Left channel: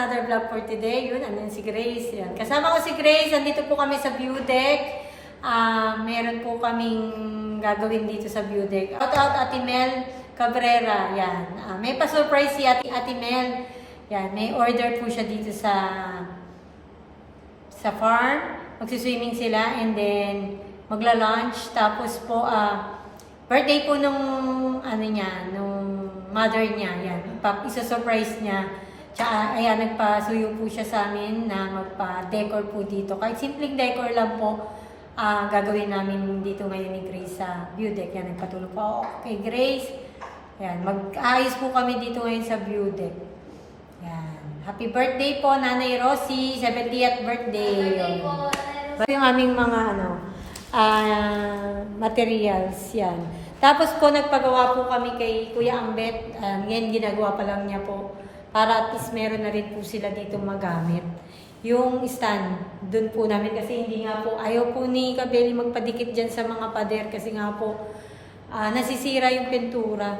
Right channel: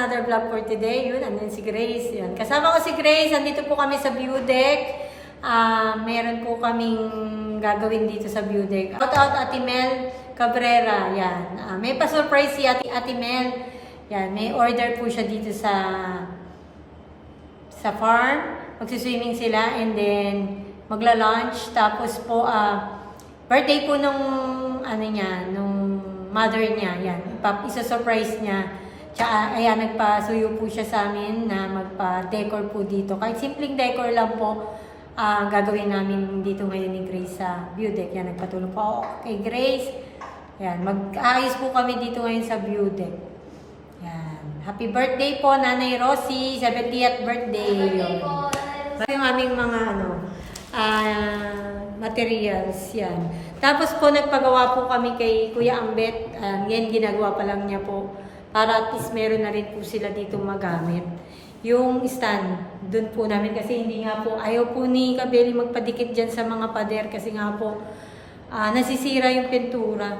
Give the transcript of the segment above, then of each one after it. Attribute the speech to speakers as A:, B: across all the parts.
A: another vlog for today. Yun, andun si Grace. Yan. Kasama ko si Grace. Andito po kami sa view deck. Ah, meron po kaming gagawin dito sa view deck. Shout out Ate Mel Cabrera. Yan. Ah, may pa-surprise si Ate, Ate Mel. Yan. May order po siya dito sa sa farm. Magsiswimming sila and then magla-lunch. Tapos po, ah, birthday po nung, ano niya, nung mother niya. Yan, isa-surprise niya. Tsaka, ayan, nagpasuyo po siya sa amin na magpa-decor po dito. Kahit simpleng decor lang po, ah, gagawin namin dito ngayon ni Grace sa view deck. Yan, nagpatulong po kay Grace. Yan, mag-ayos po kami dito ngayon sa view deck. Yan. Happy birthday po, Nanay Rosie. 70th birthday. Yun. Yung aming mga ano, ah, materials. Yan. Tapos po, nagpagawa po kami kay Kuya Ambet. Uh, yan, ginagawa pa lang niya po. Para at least meron na rin po sila dito magamit. Yung stand, dun po namin kasi hindi nga po, ayaw po ni Kabeli magpadikit dyan sa mga pader kasi nga po, ah, nasisira yung pintura.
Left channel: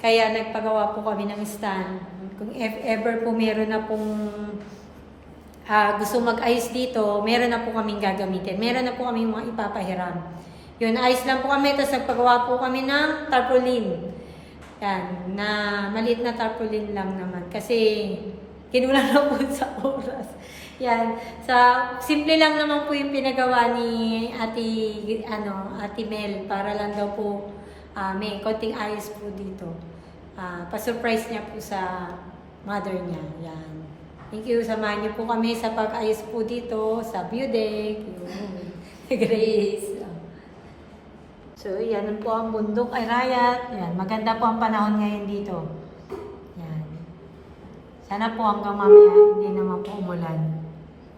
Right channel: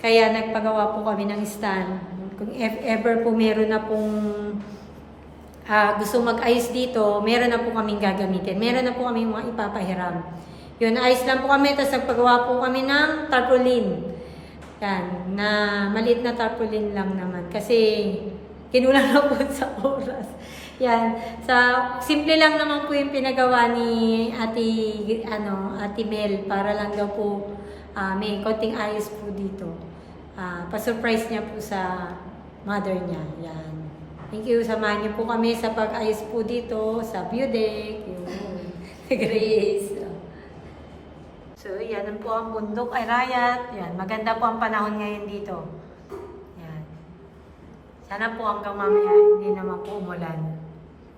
A: Kaya nagpagawa po kami ng stand. Kung if ever po meron na pong ah, gusto mag-ayos dito, meron na po kaming gagamitin. Meron na po kaming mga ipapahiram. Yun, ayos lang po kami. Tapos nagpagawa po kami ng tarpaulin. Yan, na maliit na tarpaulin lang naman. Kasi kinulang na po sa oras. Yan. Sa simple lang naman po yung pinagawa ni Ate ano, Ate Mel para lang daw po ah, may konting ayos po dito. Ah, pa-surprise niya po sa mother niya. Yan. Thank you. Samahan niyo po kami sa pag-ayos po dito sa view deck. Yun. Grace. So, yan po ang bundok ay rayat. Yan. Maganda po ang panahon ngayon dito. Yan. Sana po hanggang mamaya hindi naman po umulan.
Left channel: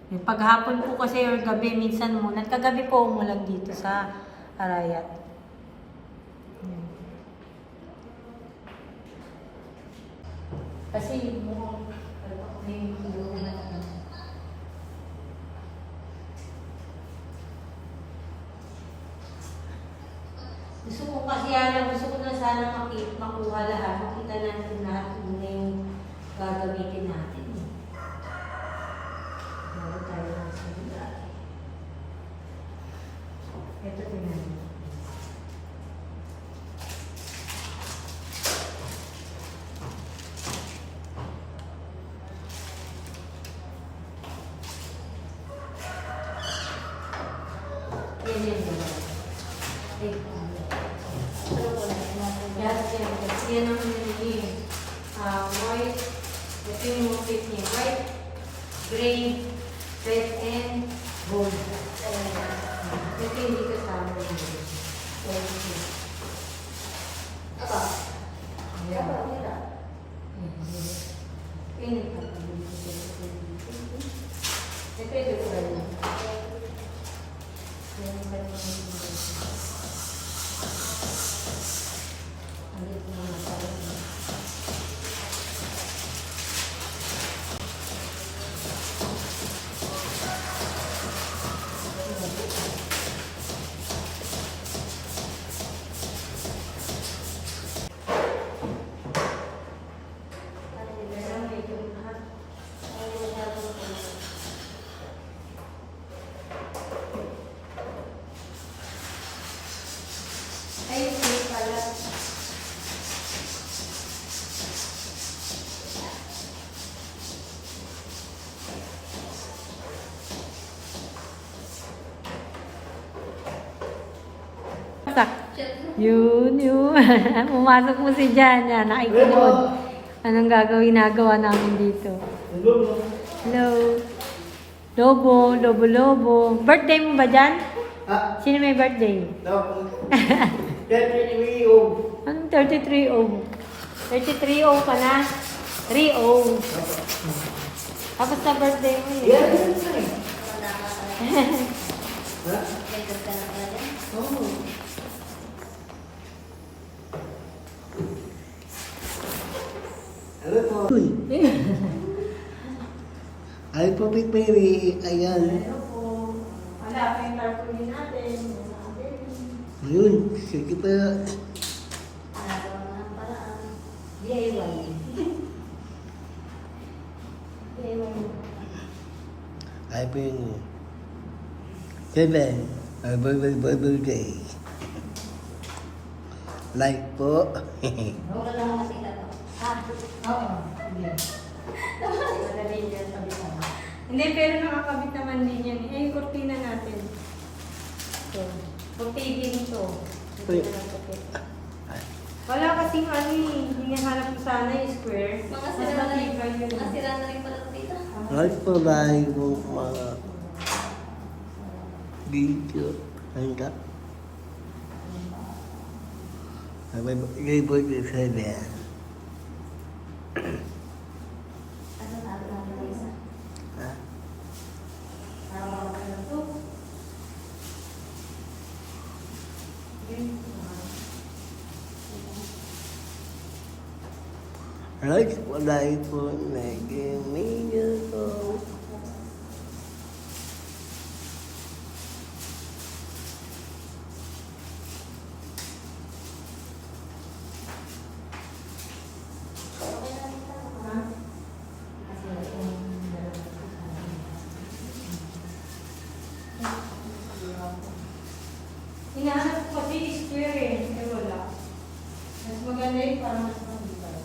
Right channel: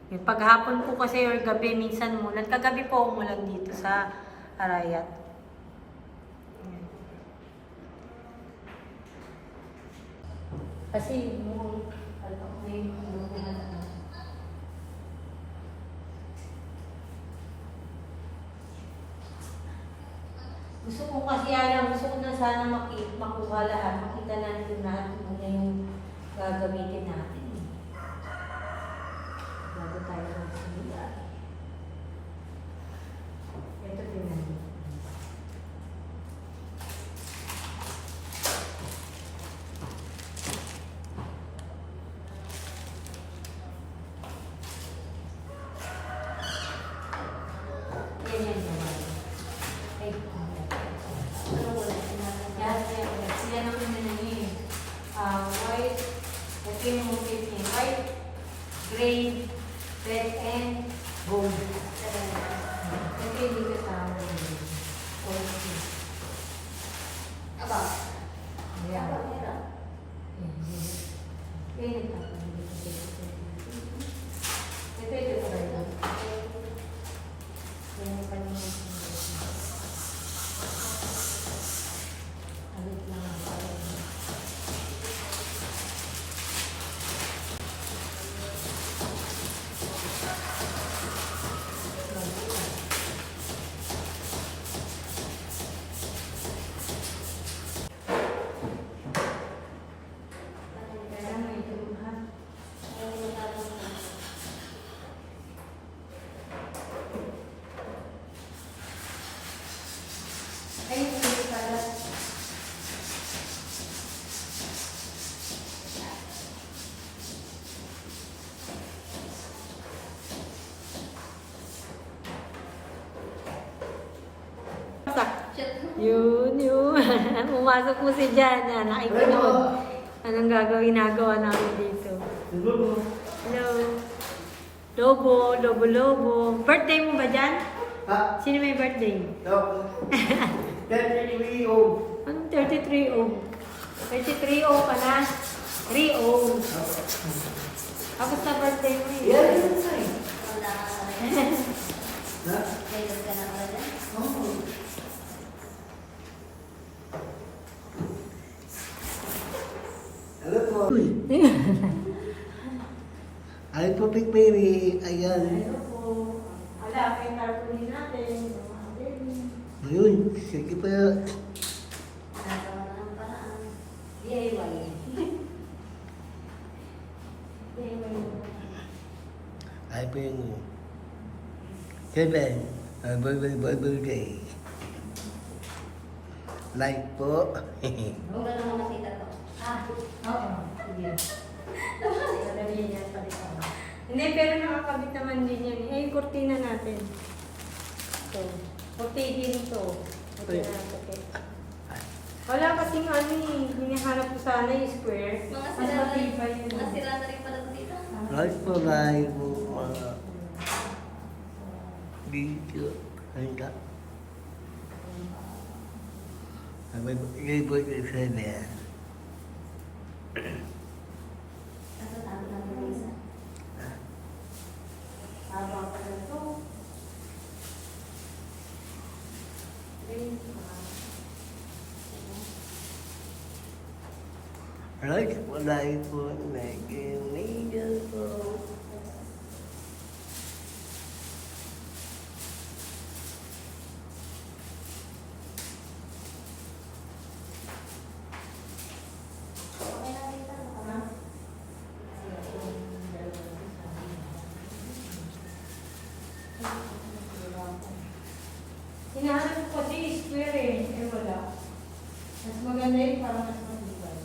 A: Yung paghapon po kasi or gabi, minsan umulan. Kagabi po umulan dito sa Arayat. Yan. Kasi mukhang ano, may ilunan. Gusto ko kasi ano, gusto ko na sana makita, makuha lahat, makita natin lahat kung ano yung gagamitin natin. Bago tayo magsalita. Ito tingnan mo. Yan Yun, yun. Umasok mo si Jana. Nakikita mo. Anong gagawin nagawa namin dito? Hello. Lobo, lobo, lobo. Birthday mo ba dyan?
B: Ah,
A: Sino may birthday?
B: Then we oh.
A: Anong 33 o? 33 o ka na? 3 o. Tapos na birthday mo yun.
B: Yeah, that's fine. Ha?
A: Oo.
B: Ano to? Uy. Ay po, Pipiri. Ayan.
A: Ano po? Wala, kayong cartoonin natin.
B: Ayun, sige pa. Ay po yung... Seven. Ay boy boy boy boy gay. Like po.
C: Huwag ka kasi ka. Ha?
A: Oo. Sige. Hindi, pero nakakabit naman din yan. Eh, yung kurtina natin. Ito. Pagpigil to. Ito. Wala kasing ano eh. Hinahanap ko sana yung square.
C: Mga
A: Mas
C: sira na rin.
A: matibay yun.
C: Mga sira na rin pala ito dito.
B: Like po po mga video. Hanggang. Ay boy boy boy boy seven.
C: Ano sabi namin ng isa?
B: Ha?
C: Habang ako ng two.
B: Like po like po naging po.
A: Hinahanap ko kasi yung square eh. Eh, wala. Mas maganda yung parang mas matibay.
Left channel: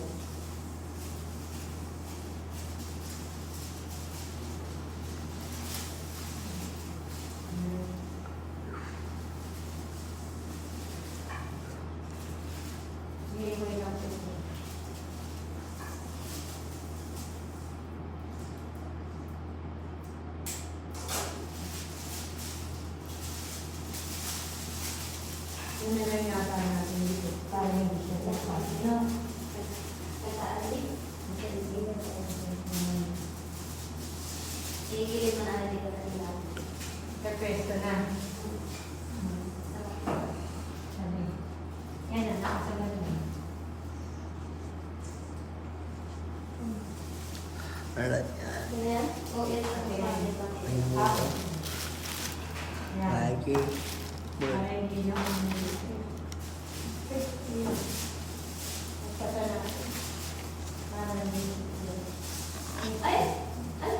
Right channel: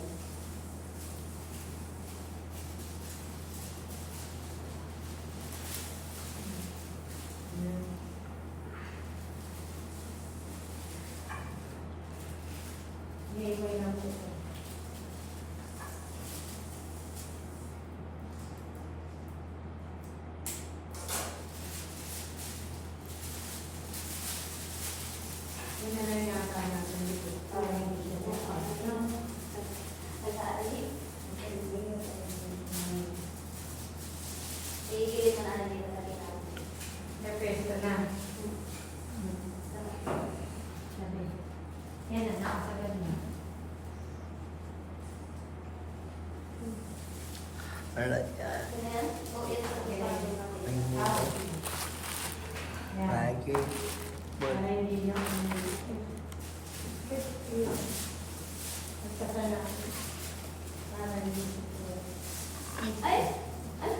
A: Ngayon ko yung ito. Ano na lang yata natin dito? Parang hindi ko
C: Ano? Nagkaalit. Iigilid mo na lang dito sa natin.
A: Repesto na. Sabi. Yan na, nakasagad na.
B: Alright, yan.
C: Ano yan? Oh, yan sa
B: Ay mo.
A: Yan.
B: Like it. Boy.
A: Para hindi na Nagpasala. Para hindi.
C: Ay! Ay!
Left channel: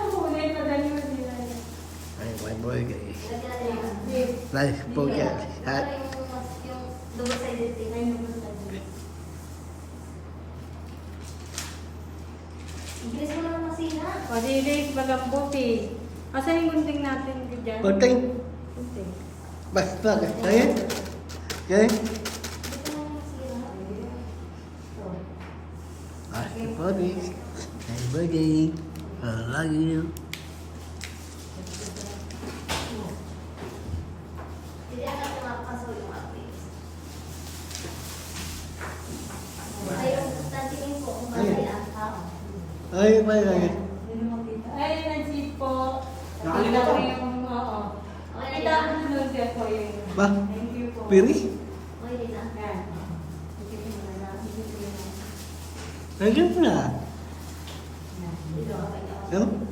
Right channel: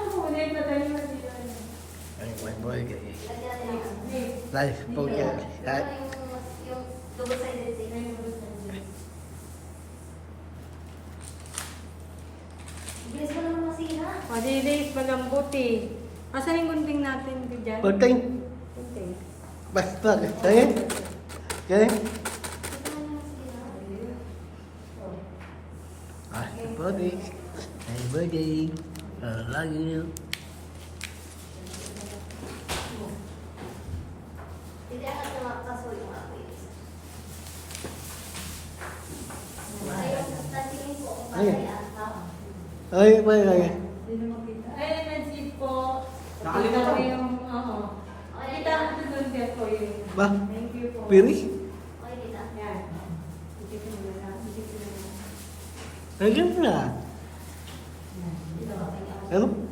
A: Ako, ulit na dali mo dito.
B: Ay boy boy gay.
C: Lagyan natin yung-
B: Like po yan.
C: Ano
B: At
C: yung mas- yung double-sided tape? Igilis mo naman masira.
A: Dilis, malambot eh. Asan yung gunting natin dyan?
B: Gunting?
A: Gunting.
B: basta kaya. Okay?
C: Ito naman masira.
B: Ah, po rin. Ay boy gay. I love you.
C: Ay, yung tantingin ko kung
B: Ayan.
C: bakit ang tao.
B: Ay boy gay.
A: Ay, nag-zip po.
B: Nakalimutan.
A: Ako yung, oo.
C: Okay,
A: Kita ko na doon siya po yun.
B: Ba?
A: Thank you po.
B: Piri?
C: Okay, Lita.
A: Yan.
B: Lagyan mo na. Ano?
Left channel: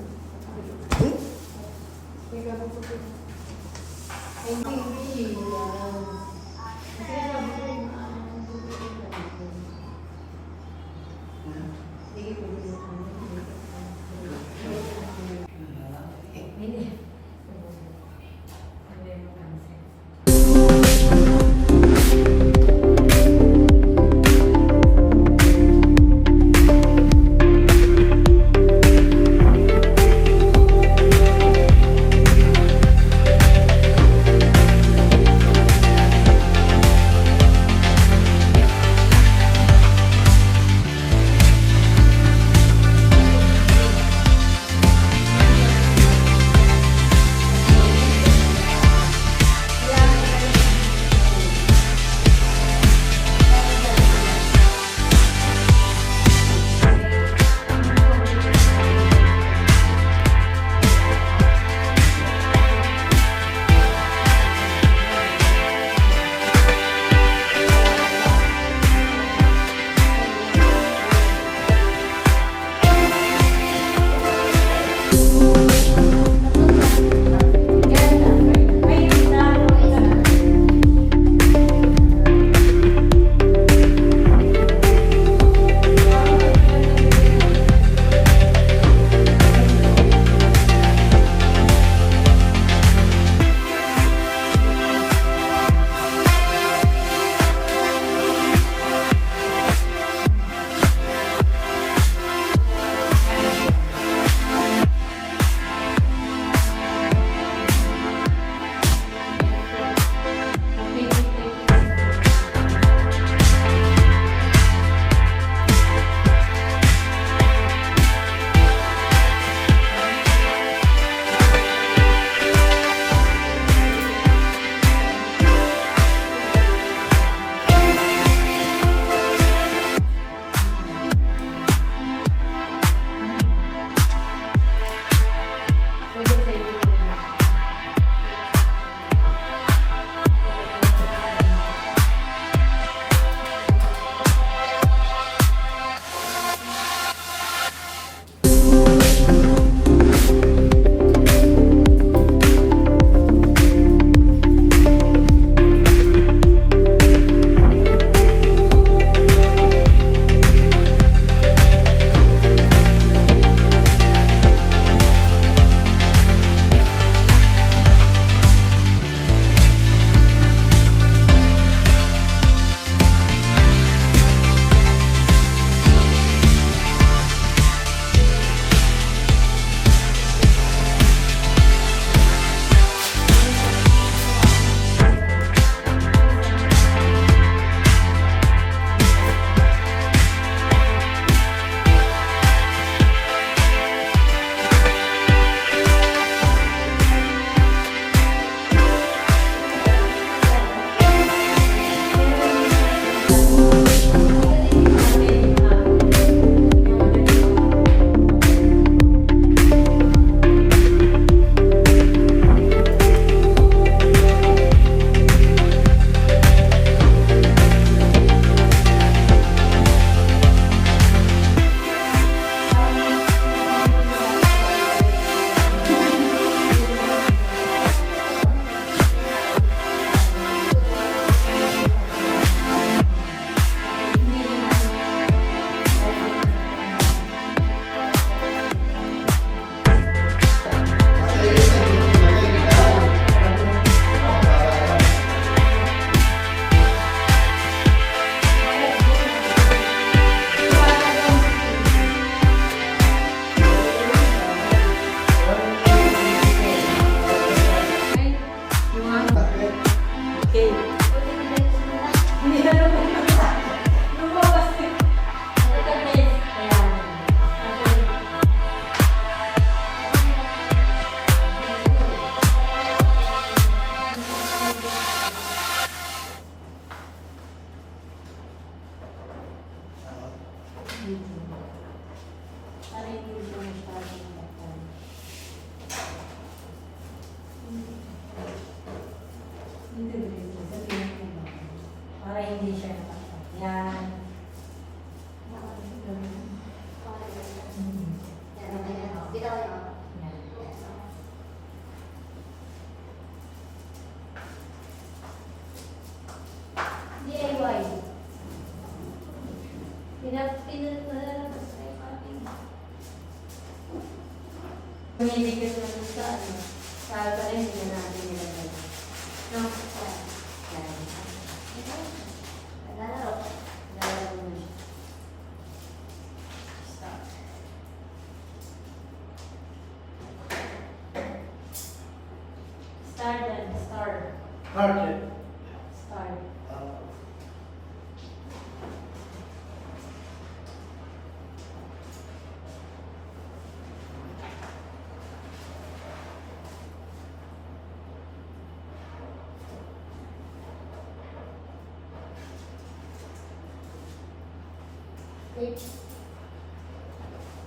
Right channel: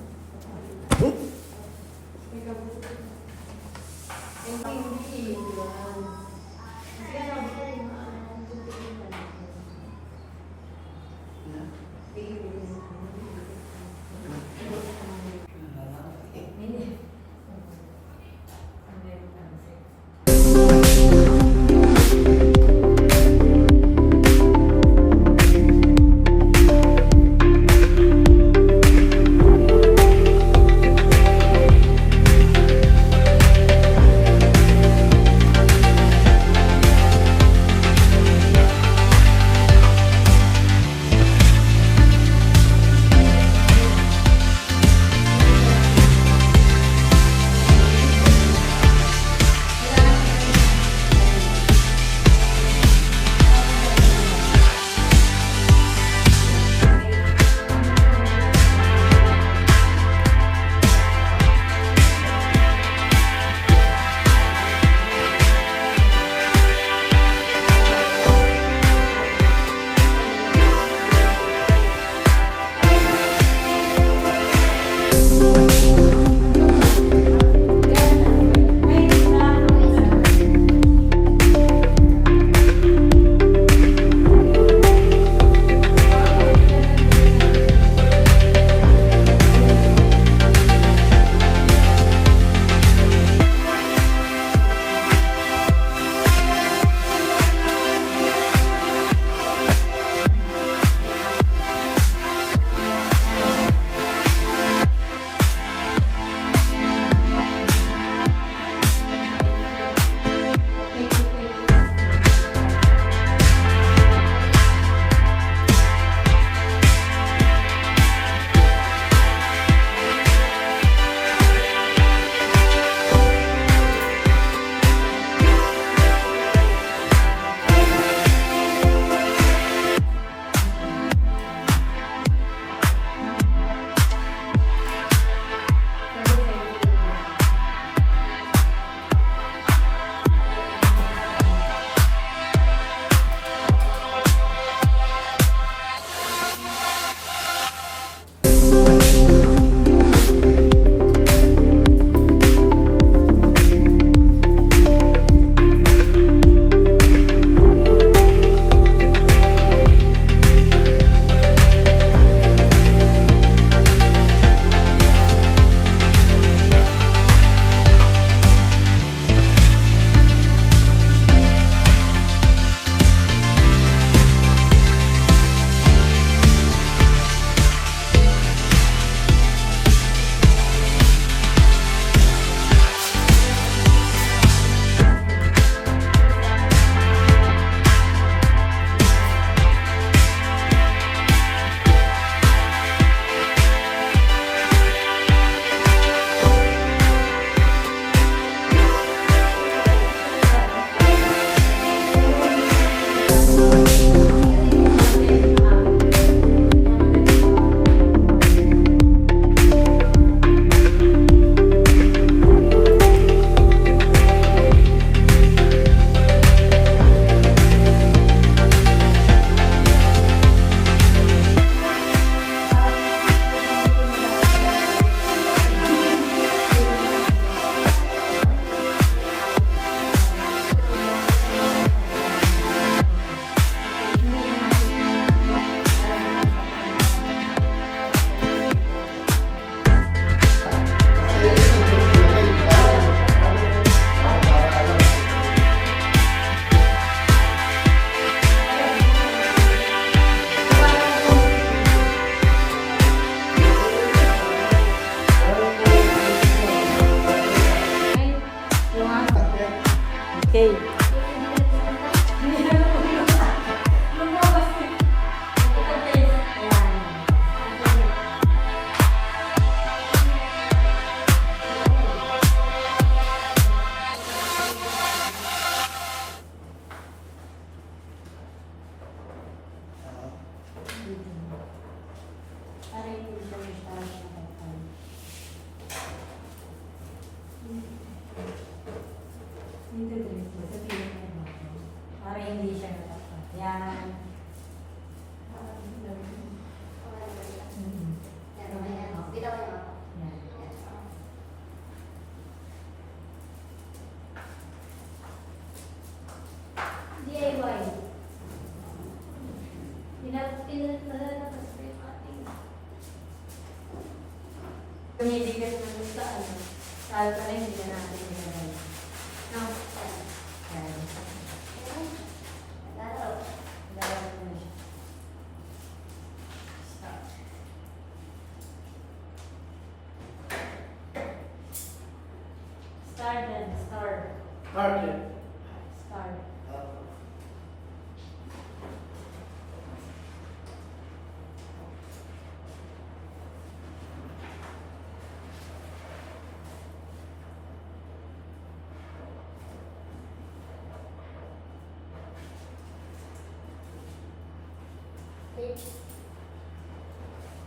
A: Ano yung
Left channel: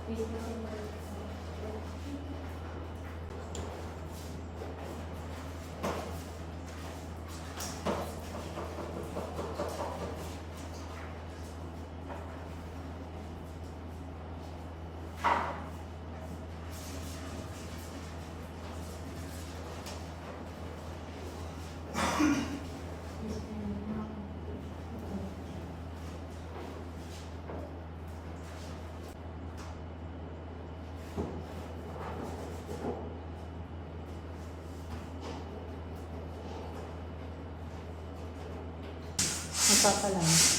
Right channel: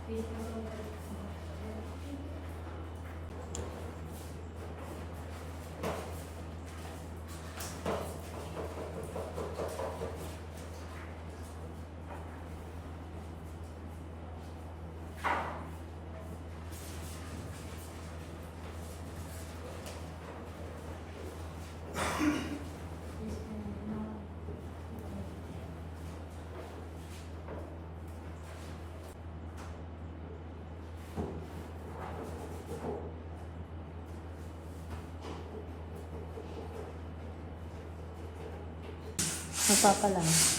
A: Peace na 我发不了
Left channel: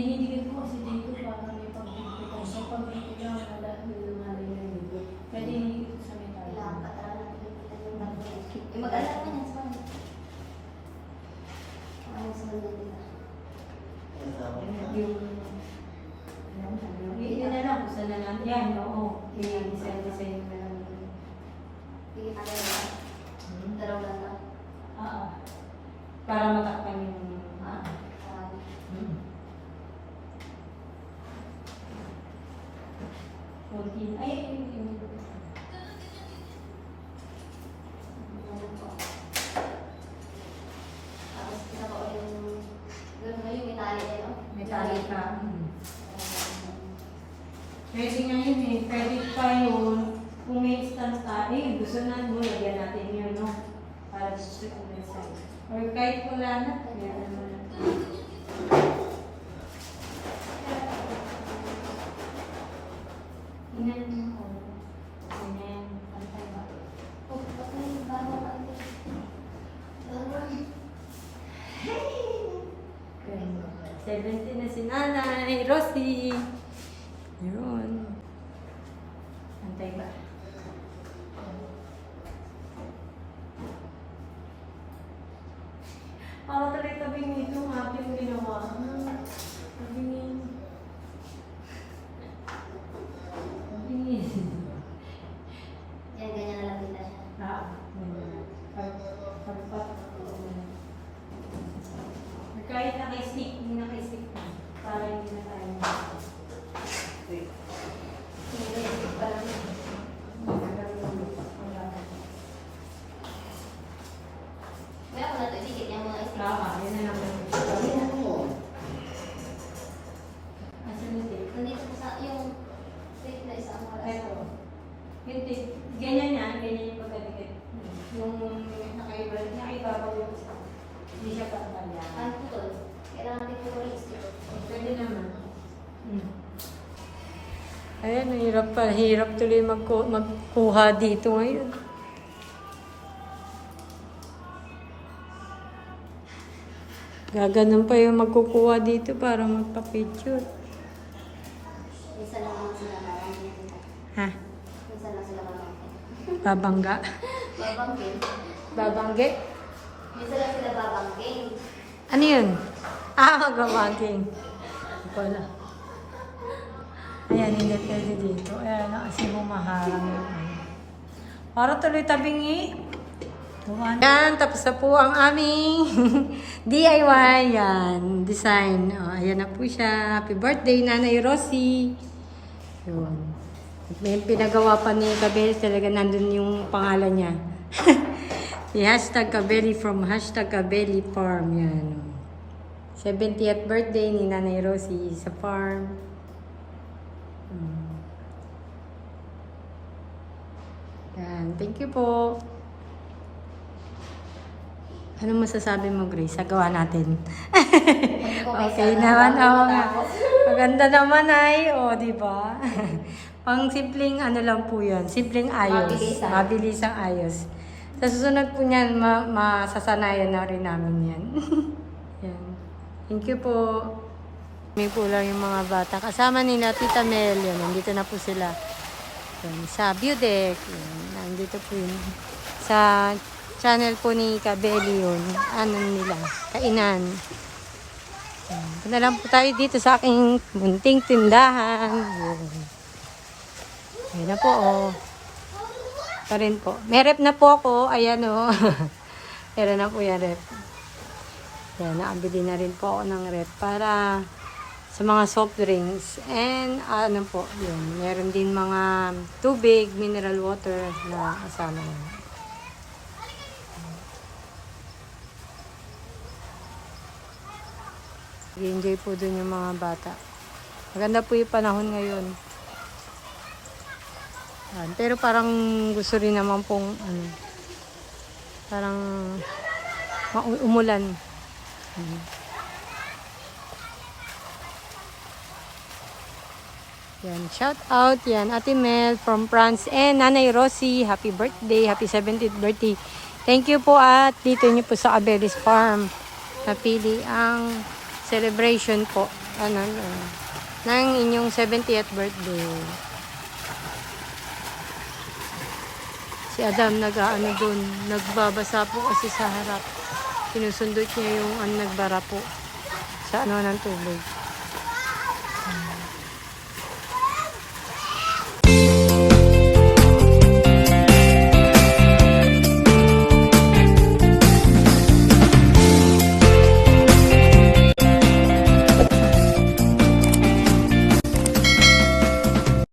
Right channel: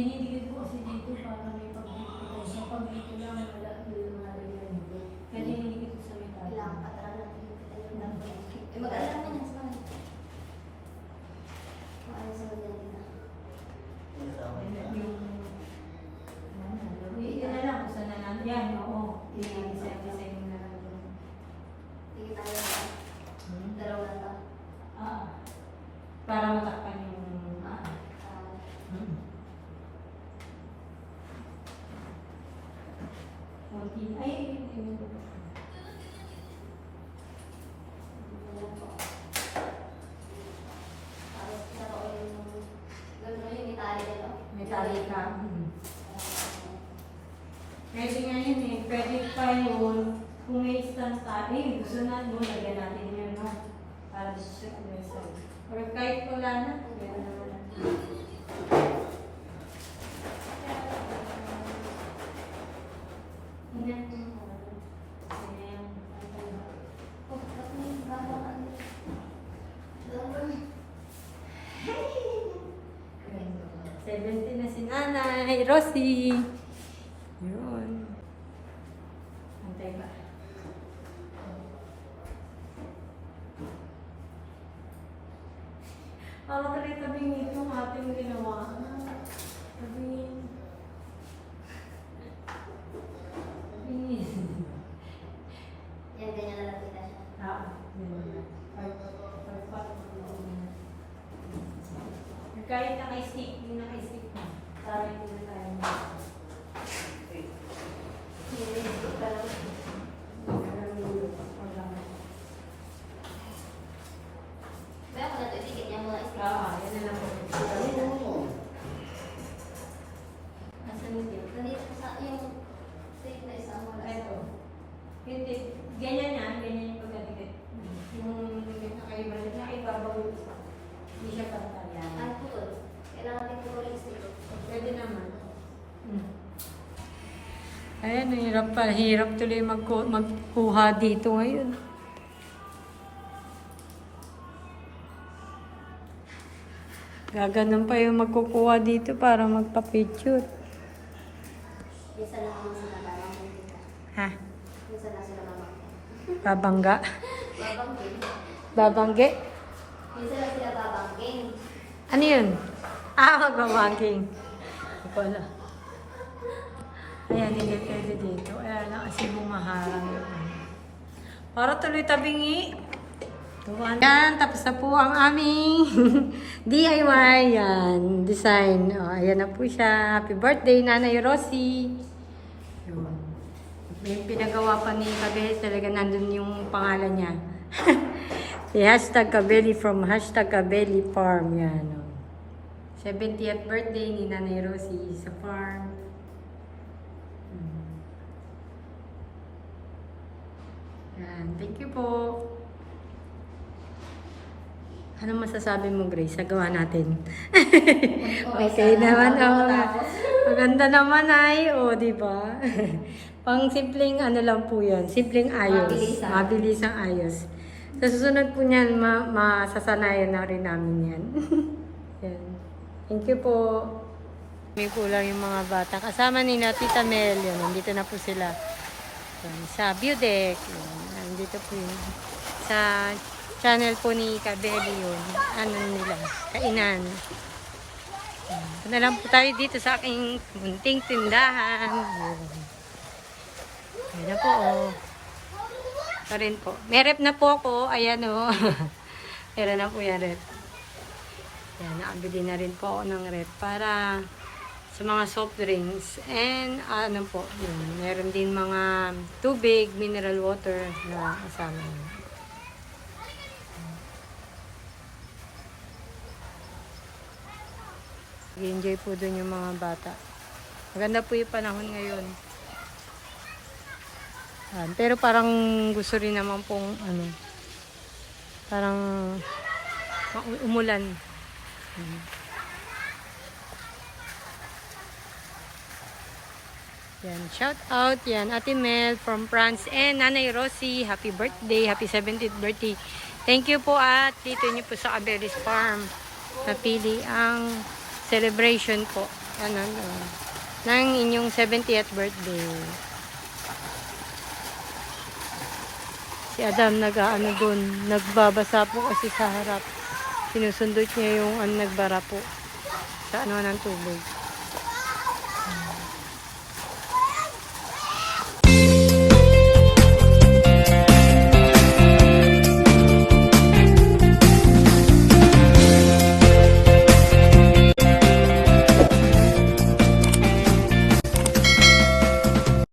A: Dinidigit ko kasi dito pa kami pagpipitay sa pamilya ng malaki ng marinang. Kaya dinidigit ko sa metal.
C: Kailangan pa talaga natin yung kanyang dapat. Eh, mag-alas ka na sa mga. Mag-alas ka na nila.
A: Yung Hindi na lang kung saan na lang. Yan, oo. Yan,
C: design, design na
A: 70 na si Nanay Rosie. Yun. Antay ba? Parang talit tabi nito yung ating ginawa. Tabi ni... Tabi ni...
C: Yan, ganyan na lang kita siya.
A: Ah, ganun. Pag- pagpat. Kahit naka-stick, hindi naka-stick na. Para hindi na tayo mag- Hindi, hindi pa lang. Nagkaroon. Wala na.
C: Kaya ako na ito, dikit niya mga isip.
A: Tama, yun na lang. Asan yung tape?
C: Nandito sa yung tape na isa ang wala.
A: Ito. Yung tape. Ganyan na, ganyan yung pagkadikit. Yung nakaiba, nakaiba ko yung isa. Hindi siya pantay lang.
C: Ano po to? Kailangan natin puro lipstick.
A: Pwede naman. Hmm. Ayan, hirap pa. Hirap tuloy magku- magkuha dito ngayon. Gaganon pa yung magkukuha dito para magpa-picture.
C: Minsan lang naman sila parang dito.
A: Ha?
C: Minsan lang sila babangkin.
A: Babangga?
C: Babangkin.
A: Babangge?
C: Minsan lang sila babangkin.
A: Ano yun? Ah, magbabangking. Hindi ko alam. Ayan, hindi pwede dito. Ayan na kasi bumaharang yung ano. Para tuloy tabingi. Gawa na. Yan, tapos na po ang aming DIY. Yan, design. O, ayan na po siya. Happy birthday, Nanay Rosie. Yun. May pinagawa pa ni Kabeli. Talaga nandun yung pangalan niya. Yung hashtag Kabeli from hashtag Kabeli Farm. Yan. O. 70th birthday ni Nanay Rosie sa farm. Yan. Thank you po. Ano masasabi mo, Grace? Sagawa natin. okay naman. Oo nga. Maganda naman ay. O, di ba? Pang simpleng ano lang po yan. Simpleng ayos.
C: Mabilis, ah.
A: Mabilis ang ayos. Sa susunod po niyan, ma masasanayan na rin namin yan. yan. Thank you po. May po lang yung mga bata. Kasama ni na Tita Mel. Yan. Nandito na po sila. Yan. Sa. Yan. Nandito po yun. Sa channel po ni Kabeli yun. Ano nila? Kainan. Yan. Punta lang po tayo dito sa aking munting tindahan. Yan. Yan na po oh. Pa rin po. May rep na po ako. Ayan oh. Meron na po yan rep. Yan, nakabili na rin po ako ng rep para sa mga soft drinks. And ano po, yun. Meron din mga tubig, mineral water na kasama yun. enjoy po dun yung mga bata. Maganda po yung panahon ngayon. Yan. Pero parang gusto rin naman pong ano, parang umulan. Mm. Yan, shout out yan, Ate Mel from France and Nanay Rosie, happy birthday, happy 70th birthday. Thank you po at dito niyo po sa Abelis Farm. Napili ang celebration po ano, ano, ng inyong 70th birthday. Si Adam nag-ano doon, nagbabasa po kasi sa harap. Sinusundot niya yung ano, nagbara po sa ano ng tubig.